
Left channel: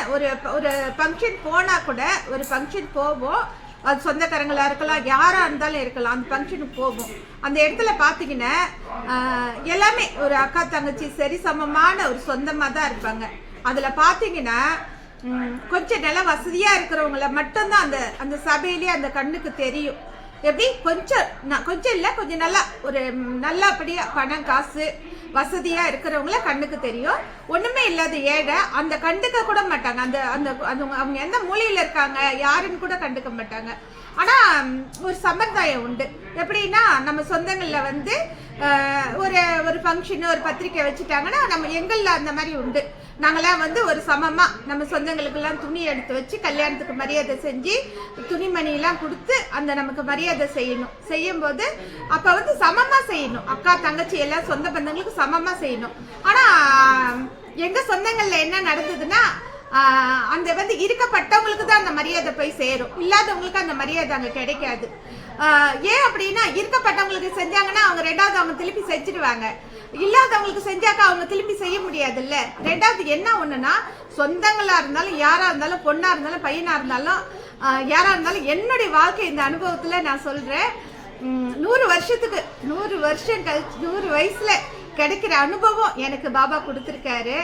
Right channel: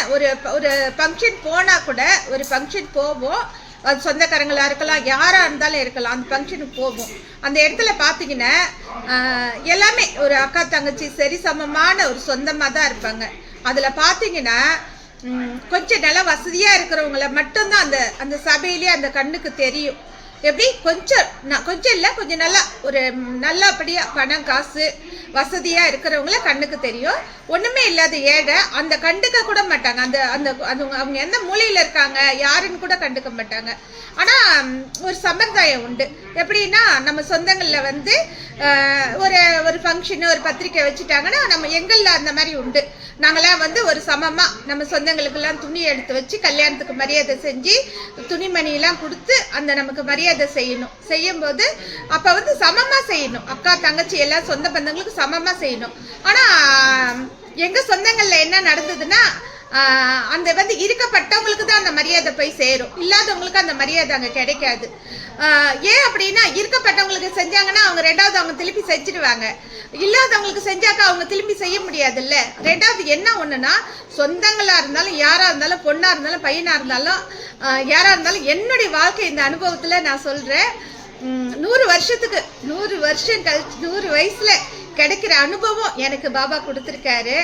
ஒரு ஃபங்க்ஷன் போனால் கூட, ஒரு ஃபங்க்ஷன் போவோம், அது சொந்தக்காரங்களாக இருக்கலாம், யாராக இருந்தாலும் இருக்கலாம், அந்த ஃபங்க்ஷனுக்கு போவோம். அந்த இடத்துல பார்த்தீங்கன்னா எல்லாமே ஒரு அக்கா தங்கச்சி சரி சமமான ஒரு சொந்தமாக தான் இருப்பாங்க. அதில் பார்த்தீங்கன்னா கொஞ்சம் நல்லா வசதியாக இருக்கிறவங்கள மட்டும்தான் அந்த சபையிலேயே அந்த கண்ணுக்கு தெரியும். எப்படி கொஞ்சம் இல்லை, கொஞ்சம் நல்லா ஒரு நல்லபடியாக பணம் காசு வசதியாக இருக்கிறவங்கள கண்ணுக்கு தெரியும். ஒன்றுமே இல்லாத ஏழை அந்த கண்டுக்க கூட மாட்டாங்க. அவங்க எந்த மூலையில் இருக்காங்க யாருன்னு கூட கண்டுக்க மாட்டாங்க. ஆனால் ஒரு சம்பிரதாயம் உண்டு. எப்படின்னா நம்ம சொந்தங்களில் வந்து ஒரு ஃபங்க்ஷனு ஒரு பத்திரிக்கை வச்சுட்டாங்கன்னா நம்ம எங்களில் அந்த மாதிரி உண்டு. நாங்களாம் வந்து ஒரு சமமாக நம்ம சொந்தங்களுக்கெல்லாம் துணி எடுத்து வச்சு கல்யாணத்துக்கு மரியாதை செஞ்சு துணிமணியெல்லாம் கொடுத்து அந்த நமக்கு மரியாதை செய்யும்போது அப்போ வந்து சமமாக செய்யணும். அக்கா தங்கச்சி எல்லாம் சொந்த பந்தங்களுக்கு சமமாக செய்யணும். ஆனால் எங்கள் சொந்தங்களில் என்ன நடந்ததுன்னா அந்த வந்து இருக்கப்பட்டவங்களுக்கு தான் அந்த மரியாதை போய் சேரும், இல்லாதவங்களுக்கு அந்த மரியாதை அங்கே கிடைக்காது. ஏன் அப்படின்னா இருக்கப்பட்டவங்களுக்கு செஞ்சாங்கன்னா அவங்க ரெண்டாவது அவங்க திருப்பி செஞ்சிடுவாங்க, இல்லாதவங்களுக்கு செஞ்சாக்கா அவங்க திரும்பி செய்ய முடியாதுல்ல. ரெண்டாவது என்ன ஒன்றுனா சொந்தங்களாக இருந்தாலும் யாராக இருந்தாலும் பொண்ணாக இருந்தாலும் பையனாக இருந்தாலும் யாராக இருந்தாலும் என்னுடைய வாழ்க்கை இந்த அனுபவத்தில் நான் சொல்கிறேன். 100 வருஷம் கழிச்சு 100 வயசில் கிடைக்கிற அனுபவம் எனக்கு பாபா கொடுத்துருக்காரு.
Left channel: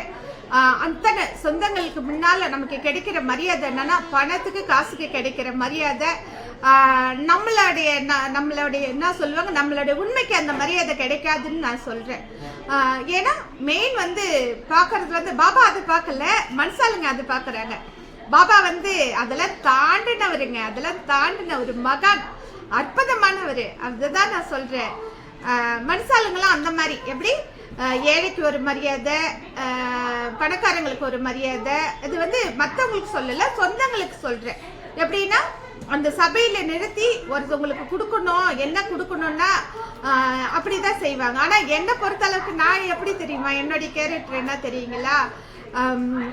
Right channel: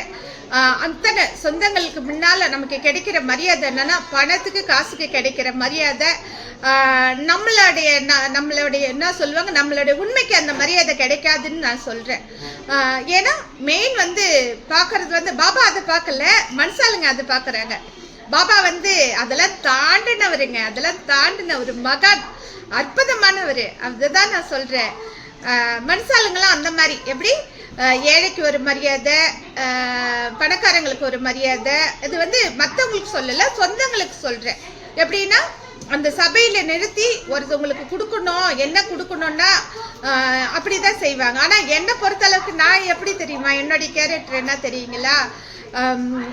அத்தனை சொந்தங்களுக்கு முன்னால் நமக்கு கிடைக்கிற மரியாதை என்னன்னா பணத்துக்கு காசுக்கு கிடைக்கிற மரியாதை நம்மளுடைய என்ன சொல்லுவாங்க, நம்மளுடைய உண்மைக்கு அந்த மரியாதை கிடைக்காதுன்னு நான் சொல்கிறேன். ஏன்னா மெயின் வந்து பார்க்கறது வந்து பாபா அதை பார்க்கல, மனுஷாளுங்க அதை பார்க்குறாங்க. பாபா வந்து அதெல்லாம் தாண்டினவருங்க, அதெல்லாம் தாண்டின ஒரு மகான், அற்புதமானவர். அதுதான் நான் சொல்கிறேன். மனுஷாளுங்களாம் அந்த மாதிரி எப்படி ஏழைக்கு ஒரு மரியாதை, பணக்காரங்களுக்கு ஒரு மரியாதை, இது வந்து மற்றவங்களுக்கு சொல்லலை, சொந்தங்களுக்கு சொல்கிறேன். எப்படின்னா அந்த சபையில் நிறுத்தி ஒருத்தவங்களுக்கு கொடுக்கணும், என்ன கொடுக்கணும்னா அப்படி தான் செய்வாங்க. ஆனால் என்னை பொறுத்தளவுக்கு நான் எப்படி தெரியுமா, என்னுடைய கேரக்டர் என்ன தெரியுங்களா,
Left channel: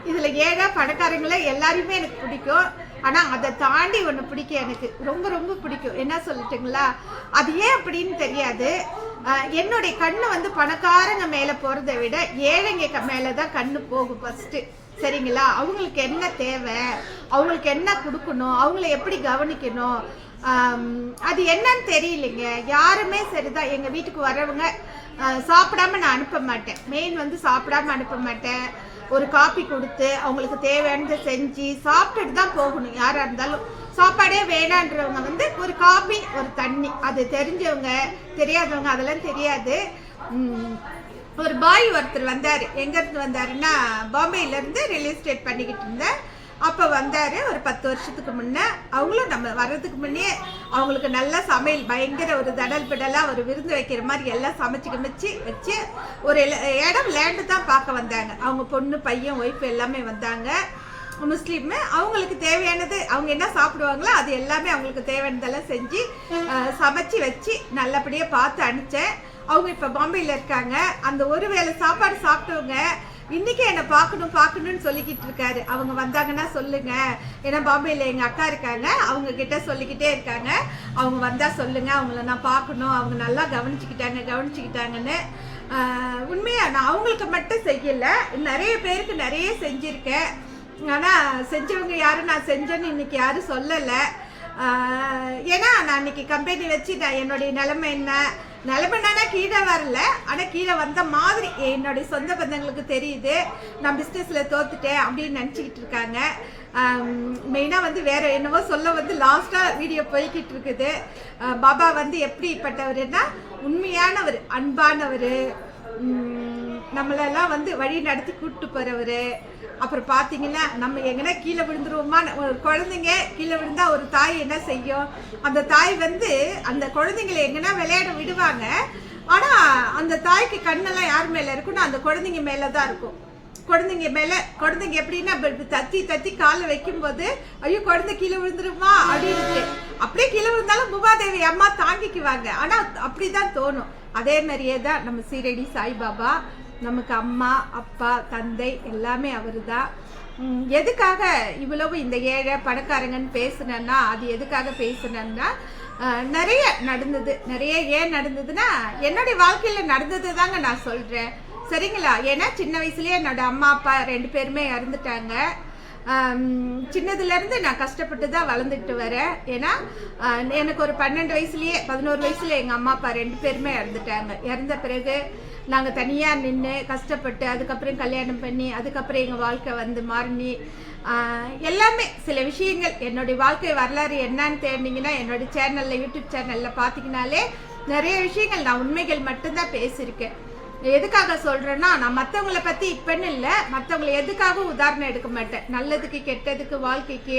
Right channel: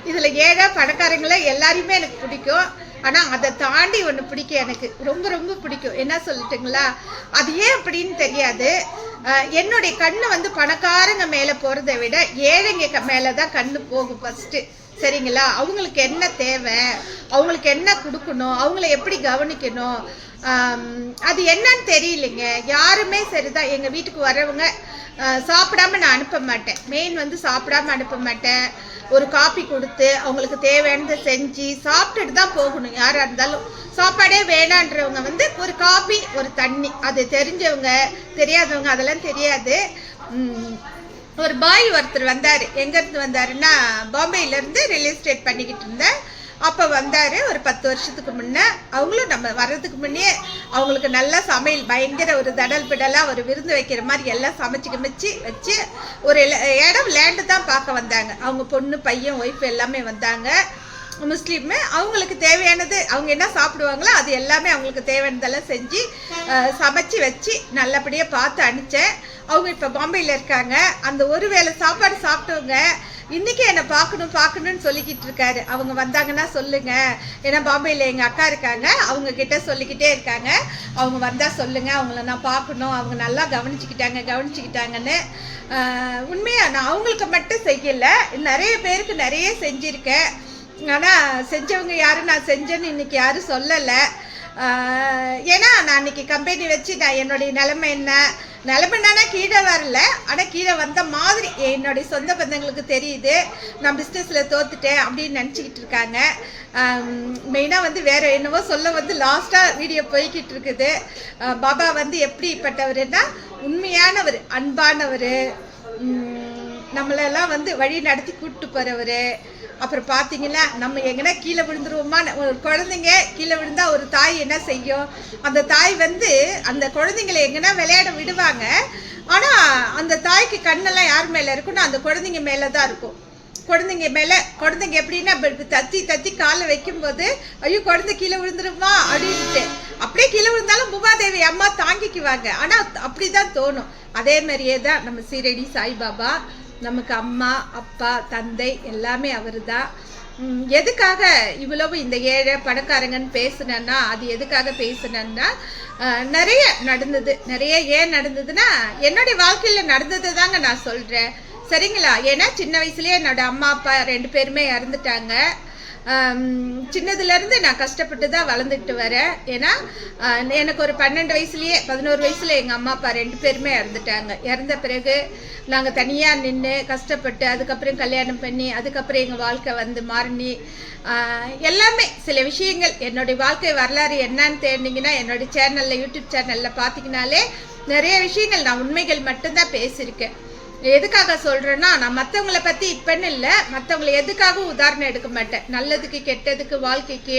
இதில் ஏழை பணக்காரங்கள எல்லாரையுமே எனக்கு பிடிக்கும். ஆனால் அதை தாண்டி ஒன்று பிடிக்கும், எனக்கு ரொம்ப ரொம்ப பிடிக்கும். என்ன சொல்லட்டுங்களா, அது ஏன் அப்படின்னு தெரியாது. என்னுடைய கண்ணு வந்து பணக்காரங்க மேலே போகிறத விட ஏழைங்க மேலே தான் கண்ணு போகும் ஃபஸ்ட்டு. சரிங்களா, அவங்களுக்கு என்ன தேவை, அவங்களுக்கு என்ன கொடுக்கணும், அவங்கள எப்படி கவனிக்கணும், அது என்னன்னு தெரியலைங்க. யாருமே சரிதான், எங்கள் வீட்டுக்கு வரவங்க சாப்பிடாம நான் அனுப்ப மாட்டேன். மெயின் வந்து சாப்பிடாம அனுப்ப மாட்டேன். ஒரு காப்பி கொடுத்து அவங்களுக்கு தேவையானதை செஞ்சு சாப்பிட்டுட்டு தான் போகணும். யாராக இருந்தாலும் சாப்பாடே வேணான்றவங்க வந்து ஒரு காப்பி ஒரு தண்ணி, அது தெரிஞ்சவங்க தெரியாதவங்க அதெல்லாம் தெரியாது. ஒரு பாய் ஒருத்தர் வந்தார். எங்கேருந்து வந்தாருன்னா பாம்பேயிலேருந்து ரியல் எஸ்டேட் பண்ணிக்கிட்டு இருந்தேன். அப்போ வந்தார் ஒரு 10 வருஷத்துக்கு முன்னே. அவங்களும் நம்ம வர்றதுக்கு முன்னே அவங்களுக்கு நல்லா சமையல் பயங்கர ஒரு தடல் பிடலாக ஒரு விருந்து வைக்கிற மாதிரி எல்லாம் சமைச்சு வச்சு ஒரு இடம் லேண்டு தான் பார்க்க வந்தாங்க. அவங்க பொண்ணு பையன் ஒய்ஃப் எல்லாமே வந்தாங்க. முஸ்லீமு. அவங்களுக்கு தேவையானது அவங்க என்ன சாப்பிடுவாங்களோ அது எல்லாமே அவங்களுக்கு தேவையானதெல்லாம் செஞ்சு சமைச்சு வச்சு நல்லபடியாக பார்த்து அனுப்பிச்சேன். அவங்க இப்போ பாம்பேயில் இருக்காங்க. அந்த ஒரு வேளை சாப்பாடு சாப்பிட்டவங்க இன்றைக்கி என்னை பார்க்கணும்னு சொல்லிக்கிட்டு இருக்காரு. அவங்க வந்தாங்கன்னா சொல்லுங்கள், ஏன்னா பாம்பேயில் எங்கள் அக்கா இருக்காங்க, அவங்கக்கிட்ட சொல்லிக்கிட்டே இருக்காங்க, அவங்க வந்தால் சொல்லுங்கள், அவங்கள நான் பார்க்கணும், அவங்க நல்லா கவனிச்சுக்கிட்டாங்கன்னு. உண்மையாக நான் அவங்களுக்கு மட்டும் செய்யலை, நிறைய பேருக்கு நிறைய செஞ்சுருக்கேன். ஆனால் செஞ்சவங்க யாரும் நான் செஞ்சேன்னு இன்றைக்கி யாரும் சொல்லலை. ஏன்னா நான் இன்றைக்கி கம்பெனி வச்சு நான் என்னுடைய நிலைமைன்னா கீழே வரல, ஆனால் கீழே வந்த மாதிரி என்னுடைய சொந்த பந்தங்களுக்கு தெரியுது. நான் பிஸ்னஸில் தோத்துட்டேன் அப்படின்னு நினச்சிக்கிட்டு இருக்காங்க. மெயினாக வந்து வேறு என்னவோ சொல்ல வந்து லாஸ்ட்டாக வீடியோ போய்கிட்டு இருக்குது. பாபா வந்து எப்படிப்பட்டவர்னா உண்மையானவர், அன்பானவர், நம்மளெல்லாம் வந்து வழி நடத்தி கூப்பிட்டு போகிறவர். அப்புறம் பார்த்தீங்கன்னா நம்ம எங்கன்னா கீழே விழுந்துருவோமா, ஒரு குழந்தைங்க கீழே விழுந்தா ஒரு தாய் என்ன செய்யும், அந்த தாய் வந்து அந்த குழந்தைங்களை எங்கன்னா விளையாட விடுவாங்க. ஆனால் அந்த தாய்க்கு கண்ணெல்லாம் யார் மேலே இருக்குன்னா அந்த குழந்தைங்க மேலே தான் இருக்கும். குழந்தைங்க எப்படின்னா தத்தி காலை வைக்கும்போது ஐயோ குழந்தை கீழே விழுந்துருமா அப்படின்ட்டு அப்படியே கீழே விழுந்தாலும் பூமாதேவி அம்மா தாங்கிக்குவாங்க. ஆனால் அப்படி தான் தோணும். அதே மாதிரியே தான் நம்ம சீரடி சாய்பாபா நமக்கு அம்மா அப்பா தந்தை எல்லாமே அவர் தான். எதுக்காக இவ்வளவு இந்த ஏழை பணக்காரங்கன்னு பேசுனேன்னா அது எதுக்காக பேசுனேன்னா நிறைய நடந்தது. ஏன் நடந்ததுன்னா என்னுடைய வாழ்க்கையில் நடந்தது தாங்க நான் சொல்கிறேன். சரிங்களா, ஏன்னா சின்ன வயசுலேயே என்னோட அம்மா அப்பா 2 பேருமே இறந்துட்டாங்க. சின்னதுலேருந்து நான் கஷ்டப்பட்டு தான் வளர்ந்துக்கிட்டு வரேன். ஏன்னா எனக்கு ஒரு 11 வயசுல எங்கள் அம்மா அப்பா 2 பேருமே இறந்துட்டாங்க. இறந்த பிறகு நாங்கள் தனியாக நின்று கஷ்டப்பட்டு அதுக்கப்புறம் கல்யாணம் பண்ணி அதுக்கப்புறம் எங்கள் வாழ்க்கை வந்து மாறி எல்லாமே சில விஷயங்கள் என்னுடைய வாழ்க்கை வரலாறு என்னன்னு தேடினீங்கன்னா என்னுடைய சேனலில் யூடியூப் சேனலில் பார்த்தீங்கன்னாலே நிறைய விஷயங்கள் நான் உண்மைகள் மட்டும்தான் பேசியிருக்கேன். எதுக்காக சொல்கிறேன்னா நான் மற்றவங்கள பற்றி இப்போன்னு இல்லை, மற்றவங்களை எதுக்காகவும் உதாரணம் எடுக்க மாட்டேன். நல்லதுக்கு கெட்டதுக்கு வாழ்க்கைக்கு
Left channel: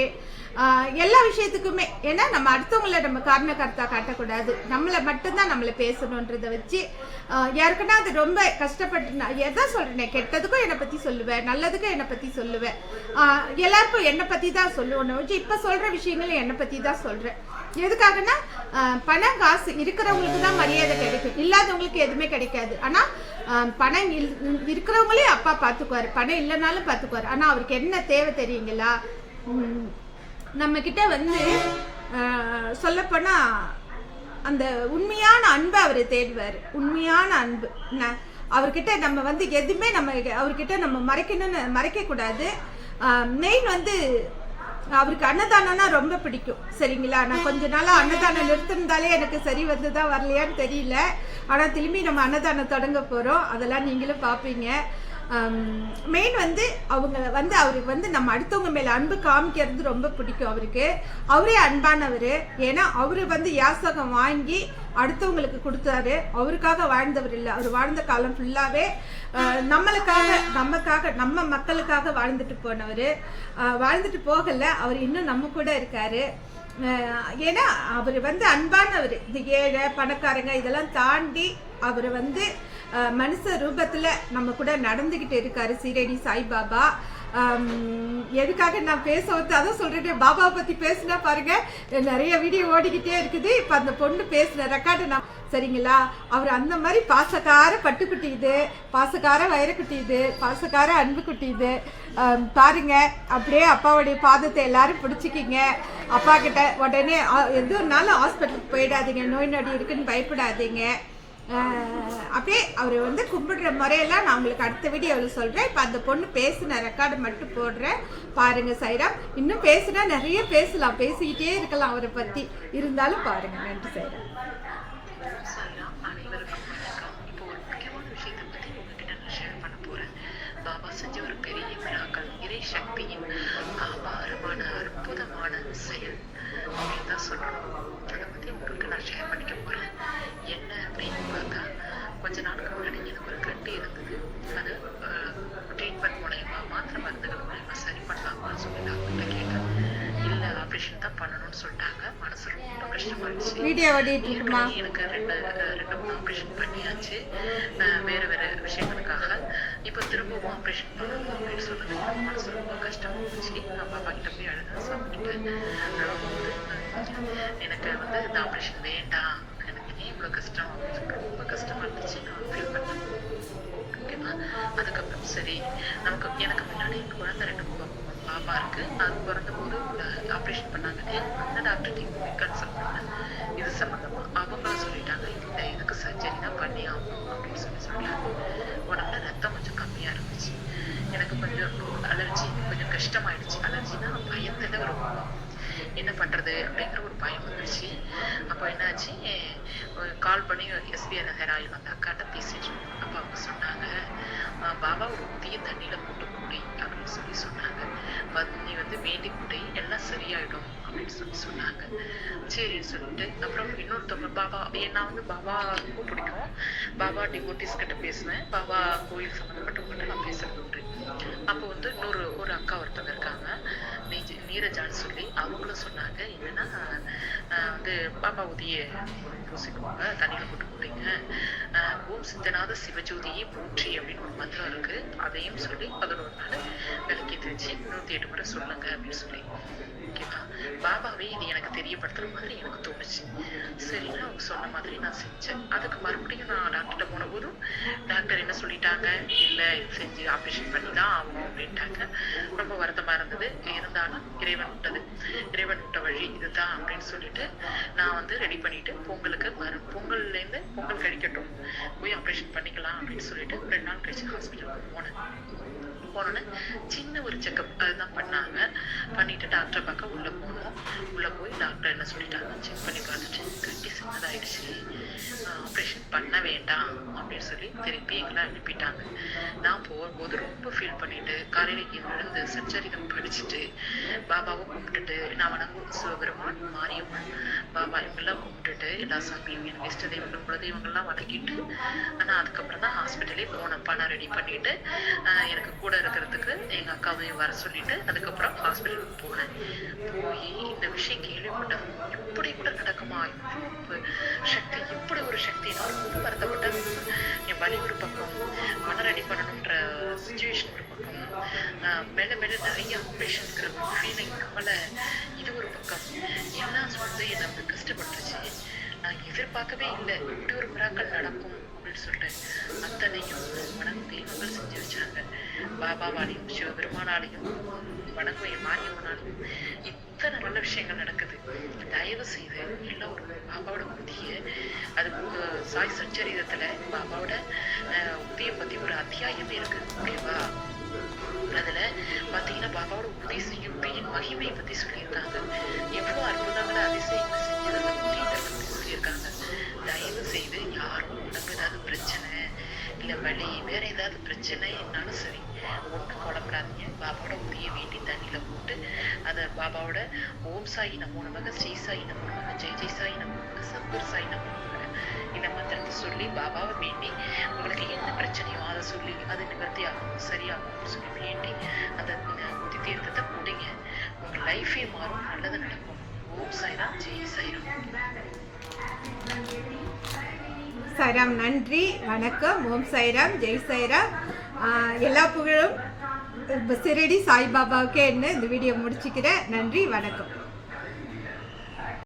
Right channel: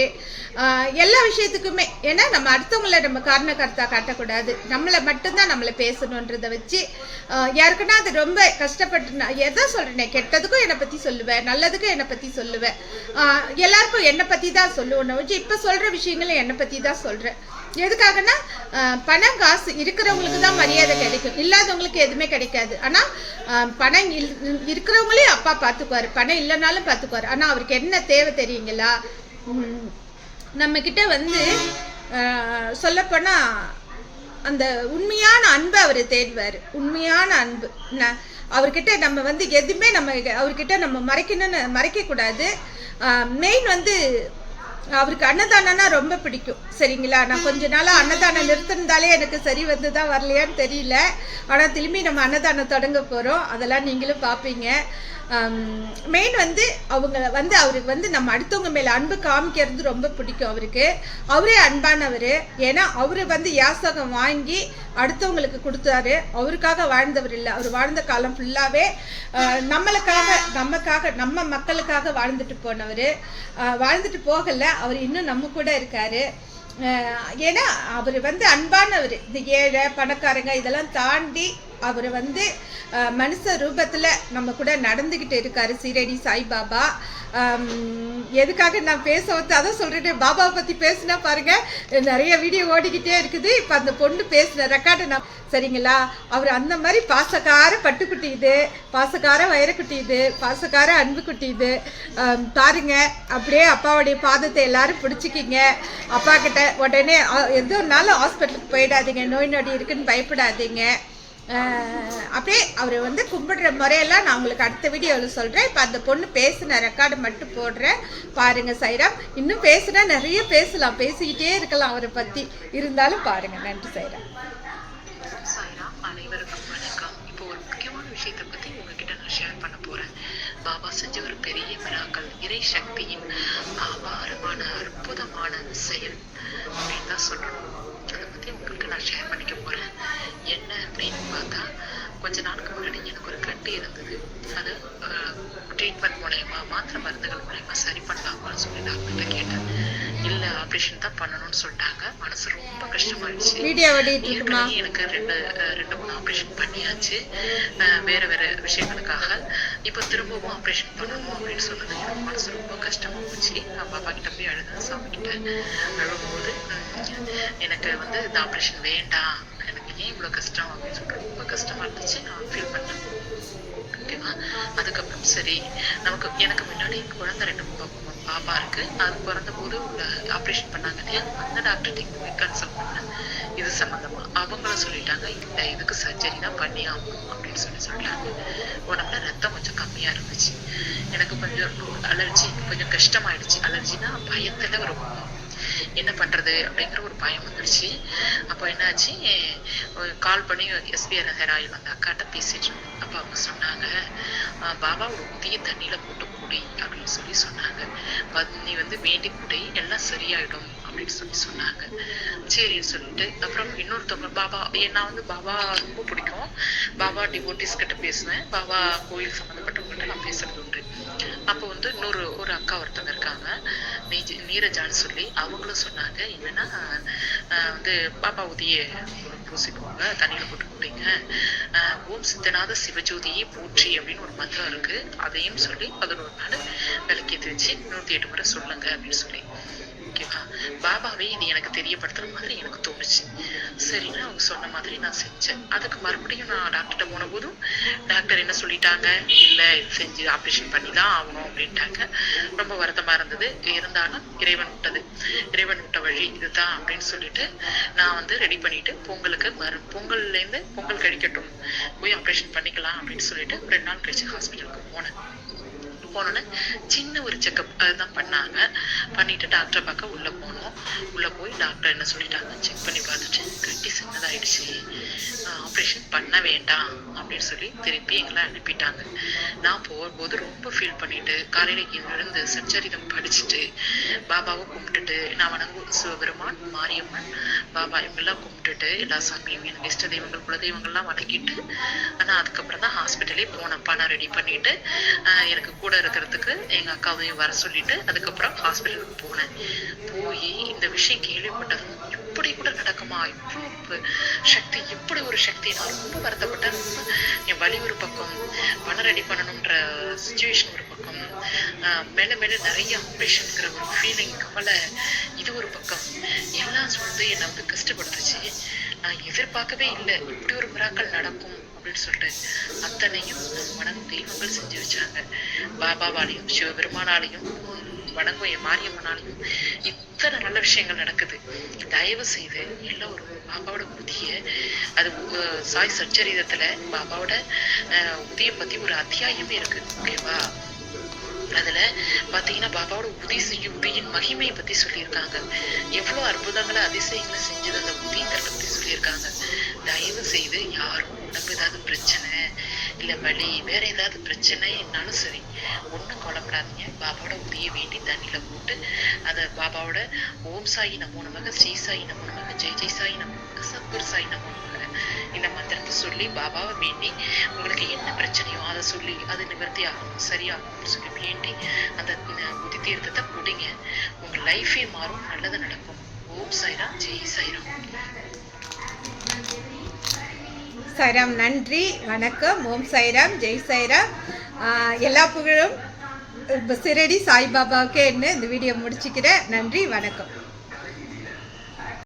எல்லா விஷயத்துக்குமே. ஏன்னா நம்ம அடுத்தவங்கள நம்ம காரணக்கர்த்தா காட்டக்கூடாது, நம்மளை மட்டும்தான் நம்மளை பேசணுன்றதை வச்சு யாருக்குன்னா அது ரொம்ப கஷ்டப்பட்டு நான் எதை சொல்கிறேன், கெட்டதுக்கும் என்னை பற்றி சொல்லுவேன், நல்லதுக்கும் என்னை பற்றி சொல்லுவேன், எல்லாருக்கும் என்னை பற்றி தான் சொல்லுவேன் வச்சு இப்போ சொல்கிற விஷயங்களும் என்னை பற்றி தான் சொல்கிறேன். எதுக்காகனா பணம் காசு இருக்கிறவங்களுக்கு தான் மரியாதை கிடைக்கும், இல்லாதவங்களுக்கு எதுவுமே கிடைக்காது. ஆனால் பணம் இருக்கிறவங்களே அப்பா பார்த்துக்குவார், பணம் இல்லைனாலும் பார்த்துக்குவார். ஆனால் அவருக்கு என்ன தேவை தெரியுங்களா, நம்மக்கிட்ட வந்து சொல்லப்போனால் அந்த உண்மையான அன்பை அவர் தேடுவார். உண்மையான அன்பு அவர்கிட்ட நம்ம வந்து எதுவுமே அவர்கிட்ட நம்ம மறைக்கக்கூடாது. மெயின் வந்து அவருக்கு அன்னதானம்னா ரொம்ப பிடிக்கும். சரிங்களா, நான் கொஞ்ச நாளாக அன்னதானம் நிறுத்திருந்தாலே எனக்கு சரி வந்துதான் வரலையான்னு தெரியல. ஆனால் திரும்பி நம்ம அன்னதானம் தொடங்க போகிறோம், அதெல்லாம் நீங்களும் பார்ப்பீங்க. மெயின் வந்து அவங்க வந்து அவருக்கு வந்து நம்ம அடுத்தவங்க மேலே அன்பு காமிக்கிறது ரொம்ப பிடிக்கும் அவருக்கு. அவரே அன்பானவர். ஏன்னா அவர் வந்து யாசகம் வாங்கி அடுத்தவங்களுக்கு கொடுத்தாரு. அவருக்காக வாழ்ந்தவர் இல்லை. அவர் வாழ்ந்த காலம் ஃபுல்லாகவே நமக்காக நம்ம மக்களுக்காக வாழ்ந்துட்டு போனவர். வாழ்ந்துட்டு போகலை, அவர் இன்னும் நம்ம கூட இருக்காரு. ஏன்னா அவர் வந்து அன்பானவர். இந்த ஏழை பணக்காரங்க இதெல்லாம் தாண்டி அவர் வந்து மனுஷ ரூபத்தில் நம்ம கூட நடந்துக்கிட்டு இருக்காரு சீரடி சாய்பாபா. எதுக்காக நான் பேச வந்து அதான் சொல்கிறேன், பாபாவை பற்றி பேசினா பாருங்கள் நிறைய வீடியோ ஓடிக்கிட்டே இருக்குது. இப்போ அந்த பொண்ணு பேசின ரெக்கார்டு நான் சரிங்களா. அவர் அந்த மாதிரி பாசக்கார பட்டுக்குட்டி இது, பாசக்கார வைரக்குட்டி இது, பாசக்கார அன்புக்குட்டி இது. பாருங்க அப்படியே அப்பாவுடைய பாதத்தை எல்லாரும் பிடிச்சிக்கிங்க. அப்பா கிட்ட உடனே எதுனாலும் ஹாஸ்பிட்டலுக்கு போயிடாதீங்க, நோய் நொடி இருக்குன்னு பயப்படாதீங்க. அப்படியே அவர் வந்து கும்பிடுற முறையெல்லாம் நான் உங்களுக்கு அடுத்த வீடியோவில் சொல்கிறேன். இப்போ அந்த பொண்ணு பேசின ரெக்கார்டை மட்டும் போடுறேன் பாருங்கள். சைராம் இன்னும் பேசுனா நிறைய பேசலாம், பேசிக்கிட்டே இருக்கலாம் அவரை பற்றி. இருந்தாலும் பாருங்கள். நன்றி சைராம். அனைவருக்கும் வணக்கம். இப்போ ஒரு முக்கியமான விஷயத்தை பற்றி உங்ககிட்ட நான் ஷேர் பண்ண போகிறேன். பாபா செஞ்ச ஒரு பெரிய மிராக்கள், இறை சக்தியின் அபாரமான அற்புதமான செயல் அப்படின்னு தான் சொல்லணும். அதை பற்றி உங்களுக்கு நான் ஷேர் பண்ணிக்க போகிறேன். என்ன அப்படின்னு பார்த்தா, கொஞ்ச நாளுக்கு முன்னாடி எனக்கு ஒரு கட்டி இருந்தது. அது ட்ரீட்மெண்ட் மூலயமா மாத்திரை மருந்துகள் மூலயமா சரி பண்ணலாமான்னு சொல்லி டாக்டர்கிட்ட கேட்டேன். இல்லை ஆப்ரேஷன் தான் பண்ணணும்னு சொல்லிட்டாங்க. மனசு ரொம்ப கஷ்டமாயிடுச்சு. எனக்கு ரெண்டு மூணு ஆப்ரேஷன் பண்ணியாச்சு வேற வேற விஷயங்களுக்காக. இப்போ திரும்பவும் ஆப்ரேஷன் பண்ணணும் அப்படின்னு சொன்னது மனசு ரொம்ப கஷ்டமா போச்சு. நான் பாப்பா கிட்ட போய் அழுத, சாமி கிட்ட அழுகும்போது எனக்கு வந்து இந்த ஆப்ரேஷன் வேண்டாம், எனக்கு ஏன் இவ்வளோ கஷ்டம் அப்படின்னு சொல்லிட்டு ரொம்ப கஷ்டமா இருந்துச்சு. நான் ஃபீல் பண்ணேன். ஓகேவா. அதுக்கப்புறம் சரி, எனக்கு முன்னாடி குழந்தை 2 பாப்பா இருக்கு. அது பிறந்த போது ஆப்ரேஷன் பண்ணாங்க இல்லையா, அந்த டாக்டர்கிட்ட கன்சல்ட் பண்ணேன் இது சம்பந்தமா. அவங்களும் சொல்லிட்டாங்க இல்லை இதுக்கு சர்ஜரி தான் பண்ணி ஆகணும் அப்படின்னு சொல்லிட்டாங்க. உடம்புல ரத்தம் கொஞ்சம் கம்மியா இருந்துச்சு. எனக்கு கொஞ்சம் அலர்ஜி, கொஞ்சம் கஷ்டமாயிடுச்சு. அலர்ஜினா பயத்துல ரொம்ப என்ன பண்றது அப்படிங்கிற ஒரு பயம் வந்துருச்சு. அப்போ என்னாச்சு, கால் பண்ணி எஸ்பிஆர் ஹெராயில் அந்த அக்காட்ட பேசிட்டு அப்போ அவங்க சொன்னாங்க, பாபா ஒரு ஊதிய தண்ணியில போட்டு குடி அப்படின்னு சொன்னாங்க. நீ வந்து வேண்டி குடி, எல்லாம் சரியாயிடும் அப்படின்னு சொன்னாங்க. சரின்னு சொல்லிட்டு அப்புறம் இன்னொருத்தவங்க பாபா, நான் வந்து பாபா ரொம்ப பிடிக்கும். பாபா டிவோட்டிஸ் கிட்ட பேசுவேன். பாபா கோயில் சம்மந்தப்பட்டவங்ககிட்ட நான் பேசுறது உண்டு. அப்போ வந்து ஒரு அக்கா ஒருத்தவங்க இருக்காங்க, நீரஜான்னு சொல்லி. அவங்களும் சொன்னாங்க என்னன்னா வந்து பாபா ஊதிய பூசிக்குவாங்க, தண்ணியில போட்டு குடிங்க, ஓம் சித்தநாத சிவஜோதியை போற்றி அப்படின்னு ஒரு மந்திரம் இருக்கு, அதையும் சொல்லி 11 நாள் விளக்கேற்றி வச்சு 108 முறை சொல்லுங்க அப்படின்னு சொல்லி. ஓகேவா. பாபாவே இது எனக்கு தெரியப்படுத்துற மாதிரி எனக்கு தோணுச்சு. சரின்னு அவங்க சொன்ன மாதிரி நான் செஞ்சேன். அதுக்கு மறுபடியும் நான் டாக்டர்கிட்ட போன போதும் டாக்டர் என்ன சொல்லிட்டாங்க, இல்லை செஞ்சு ஆப்ரேஷன் பண்ணி தான் ஆகணும் அப்படின்ட்டாங்க. ரொம்ப வருத்தமா இருந்தது. இருந்தாலும் இறைவன் விட்ட வழி இதுதான் அப்படின்னு சொல்லிட்டு நான் வந்து ரெடி பண்ணிட்டு பொங்கல்லேருந்து பொங்கல் கழிக்கட்டும் போய் ஆப்ரேஷன் பண்ணிக்கலாம் அப்படின்னு சொல்லிட்டு 2 நாள் கழிச்சு ஹாஸ்பிட்டலுக்கு போனோன்னு சின்ன ஒரு செக்அப் அதுதான் பண்ணாங்க. பண்ணிட்டு டாக்டரை பார்க்க உள்ள போய் டாக்டர் என்ன சொல்லிட்டாங்க, செக் பண்ணி பார்த்துட்டு கட்டி சின்னதாயிடுச்சு, ஆப்ரேஷன் பண்ண வேண்டாம் அப்படின்னு சொல்லி திருப்பி எங்களை அனுப்பிட்டாங்க. நான் போகும்போது ரொம்ப ஃபீல் பண்ணிட்டு காலையில எழுந்து சச்சரிதம் படிச்சுட்டு பாபாவை கும்பிட்டுட்டு, நான் வணங்கும் சிவபெருமான், மாரியம்மன், பாபா இவங்கெல்லாம் கும்பிட்டுட்டு எல்லா சாமியும் என் இஷ்ட தெய்வங்கள் குலதெய்வங்கள்லாம் வணங்கிட்டு நான் அதுக்கப்புறம் தான் ஹாஸ்பிட்டலே போனேன். பணம் ரெடி பண்ணிட்டு எனக்கு கூட இருக்கிறதுக்கு எங்க அக்காவையும் வர சொல்லிட்டு அதுக்கப்புறம் ஹாஸ்பிட்டலுக்கு போனேன். போய் இந்த விஷயம் கேள்விப்பட்டதும் இப்படி கூட நடக்குமா, இவ்வளோ சக்தி, இப்படி ஒரு சக்தி, நான் ரொம்ப வருத்தப்பட்டேன். என் வலி ஒரு பக்கம், பணம் ரெடி பண்ணணுன்ற சுச்சுவேஷன் ஒரு பக்கம், மேல நிறைய ஆப்ரேஷன்ங்கிற ஒரு ஃபீலிங், கவலை, இது ஒரு பக்கம், எல்லாம் வந்து என்னை வந்து கஷ்டப்படுத்துச்சு. நான் எதிர்பார்க்கவே இல்லை இப்படி ஒரு மிராக்கள் நடக்கும் அப்படின்னு சொல்லிட்டு. அத்தனையும் வணங்கும் தெய்வங்கள் செஞ்சு வச்சாங்க. பாபாவாலையும் சிவபெருமானாலையும் வணங்கும் என் மாரியம்மனாலையும் இத்தனை நல்ல விஷயங்கள் நடக்குது. தயவு செய்து எல்லாம் ஒரு பாபாவோட உதிய, அது சாய் சச்சரிதத்துல பாபாவோட உதிய பத்தி ஒரு அத்தியாயமே இருக்கு. ஓகேவா. அதுல பாத்தீங்கன்னா பாபாவோட உதியின் மகிமையை பத்தி சொல்லியிருக்காங்க. எவ்வளவு அற்புதங்களை அதிசயங்களை செஞ்சது அந்த உதியத்தை பத்தி சொல்லியிருக்காங்க. தயவு செய்து யாரும் உடம்பு ஏதாவது பிரச்சனை, இல்லை வலி வேற ஏதாவது பிரச்சனைனாலும் சரி, ஒன்றும் கவலைப்படாதீங்க. பாபாவோட உதவியை வேண்டி தண்ணியில் போட்டு அதை பாபாவோட ஓம் சாயி நமோ நமக, ஸ்ரீ சாயி நமோ நமக, ஜெய் ஜெய் சாயி நமோ நமக, சத்குரு சாயி நமோ நமக இந்த மந்திரத்தை சொல்லி பாபாவை வேண்டி உங்களுக்கு என்ன பிரச்சனையோ அதை சொல்லி அது நிவர்த்தி ஆகும், சரியாகும் சொல்லி வேண்டி அந்த புத்தி தீர்த்தத்தை குடிங்க. உங்க லைஃபே மாறும், நல்லது நடக்கும். ஓம் சாய்ராம், ஜெய் சாய்ராம். சாய்ராம், நன்றி, வணக்கம். ஓம் சாய்ராம், ஜெய் சாய்ராம். எல்லா புகழும் சிரடி சாய்பாபாவுக்கே என்ன இந்த வீடியோ முடிச்சுக்கிறேன். நன்றி, வணக்கம்.